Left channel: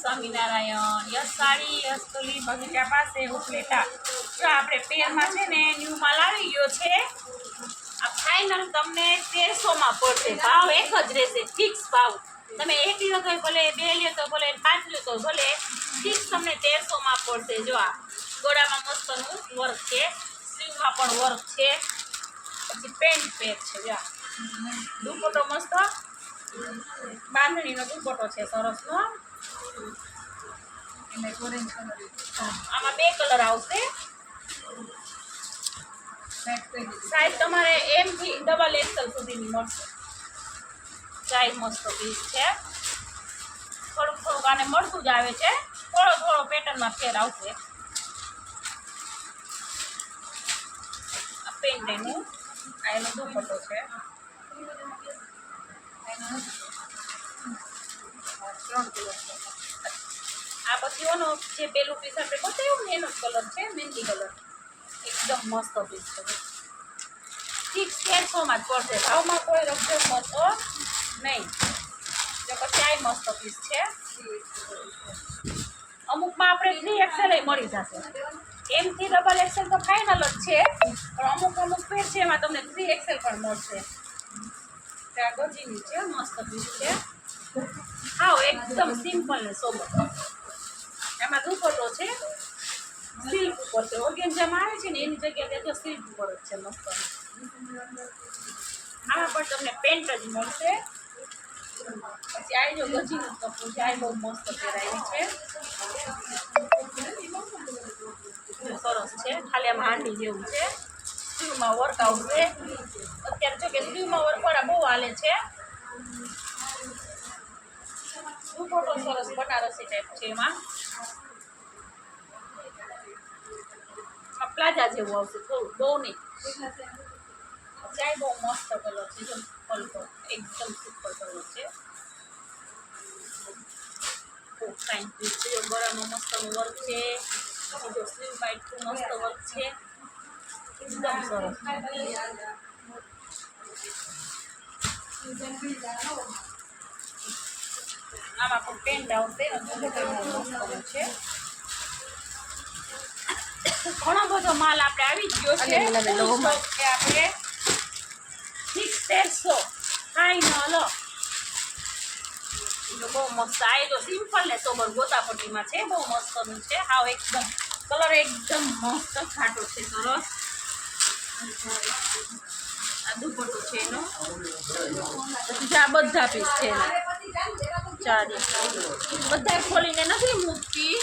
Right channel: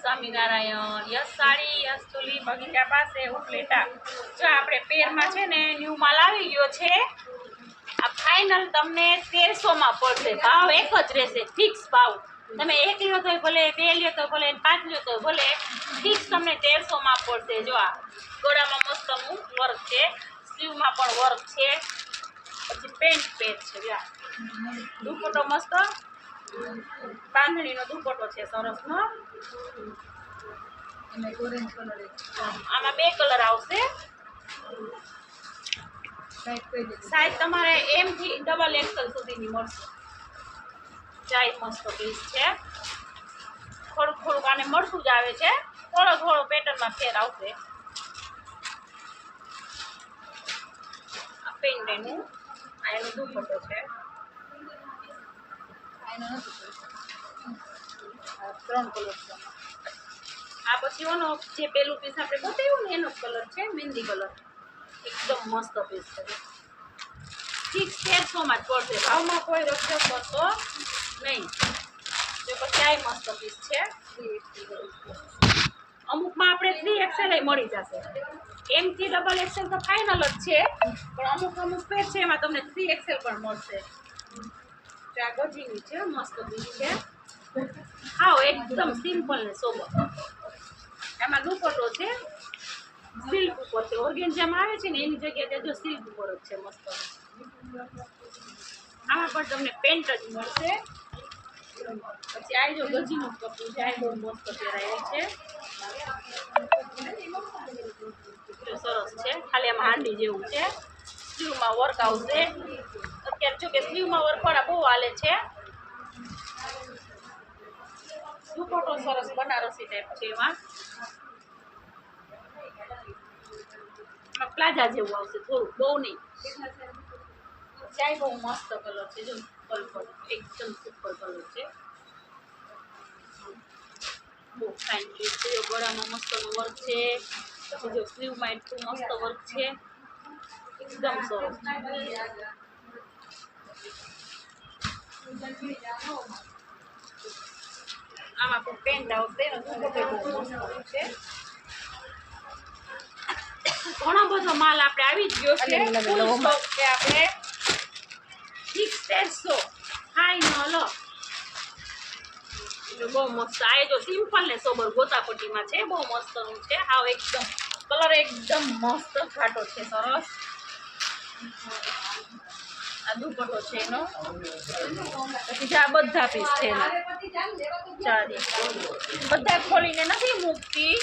Swaminarayan. Yes sari yes તુલી બગીચા પાસે ઉપલેટા. જો આપણે પેરમાં છે ને ન્યૂ માલ આવી ગયો છે. આ ફાઇનલ તમને 1300 પડશે. ભાવ એક જ રહેશે, ફિક્સ ભાવ. તમે 1 લ્યો તો ભલે, 2 લ્યો તો ભલે, 5 લ્યો તો ભલે, ફિક્સ તમને 1300 પડશે. જો આ ગોળામાં મસ્તનું વર્ક છે, સ્લીવમાં પણ વર્ક છે, પછી પેન્ટ પેચ છે. જો દુપટ્ટો મસ્ત બાંધણીનો દુપટ્ટો છે સરસનો. આમાં 2 કલર આવશે. સાઈઝ તમારે M થી XXL સુધીની મળશે. સાઈઝ મસ્ત પીસ છે. થોડુંક આને મળતું જ આવે છે, થોડો પેટર્નમાં ફેર આવશે. પેન્ટ એનું આ એનો દુપટ્ટો છે. 3 કલર છે. આ પછી ઓનો જે પેલું પીસ આપણે બતાવ્યું ને એનો કલર છે મહેંદી કલર. એકદમ મસ્ત પીસ છે. ફિક્સ 1300 જ પડશે. ભાવમાં કોઈ રકઝક હતો નહીં. જો પછી આ મસ્ત પીસ છે. અમુકમાં આપણે 3XL મળી જશે. M થી XXL તો ફાઇનલ જ છે, પણ અમુક પેર છે એમાં તમને 3XL પણ મળશે. આ ગજીની છે, મસ્ત પીસ છે. હા, એકદમ સિમ્પલ ને સોબર. એમાં દુપટ્ટો છે, સિલ્ક ઉપર છે. ઓર્ગેન્જામાં આવે છે ને એની જગ્યાએ જો સિલ્ક ઉપર જ છે મસ્ત. આમાં પણ તમને પેન્ટ જ મળશે. પછી આ જો ગજીનું કપડું છે, આ બહુ મસ્ત પહેરાયેલી છે, સરસ છે. ખાલી આમાં હાંડી જેવું છે. સ્લીવમાં વર્ક આવશે. અત્યારે જો કે સ્લીવમાં વર્કવાળા બહુ હાલે છે. દુપટ્ટો સરસ બનારસી ટાઈપ છે. એમાં પ્લાઝા જેવું આવશે, થોડું બહુ નહીં. ચાય બહુ મસ્ત કલર છે. જો પલ્પલ એકદમ સુપર કલર છે. બહુ ફાઇન પીસ છે. ગળામાં મસ્તનું વર્ક છે. પછી જો સ્લીવમાં એટલું મસ્ત વર્ક છે, એકદમ સરસ. આમાં પણ પેન્ટ આવશે. છે ઘણો બધો માલ આપણે આવી જ ગયો છે. આપણે ફિક્સ 1300 કાંઈ ન હલો. બહુ મસ્ત. આ જો સિમ્પલ ને સોબર ગોતાપટ્ટીમાં છે. બહુ મસ્તનું છે. આવ એકદમ કલર એકદમ મસ્ત ઘાટો છે, સરસ. આ દુપટ્ટો છે એનો. પછી આ બધા પીસ છે એના. ચાલી બધા ખોલીને નથી મૂકતી.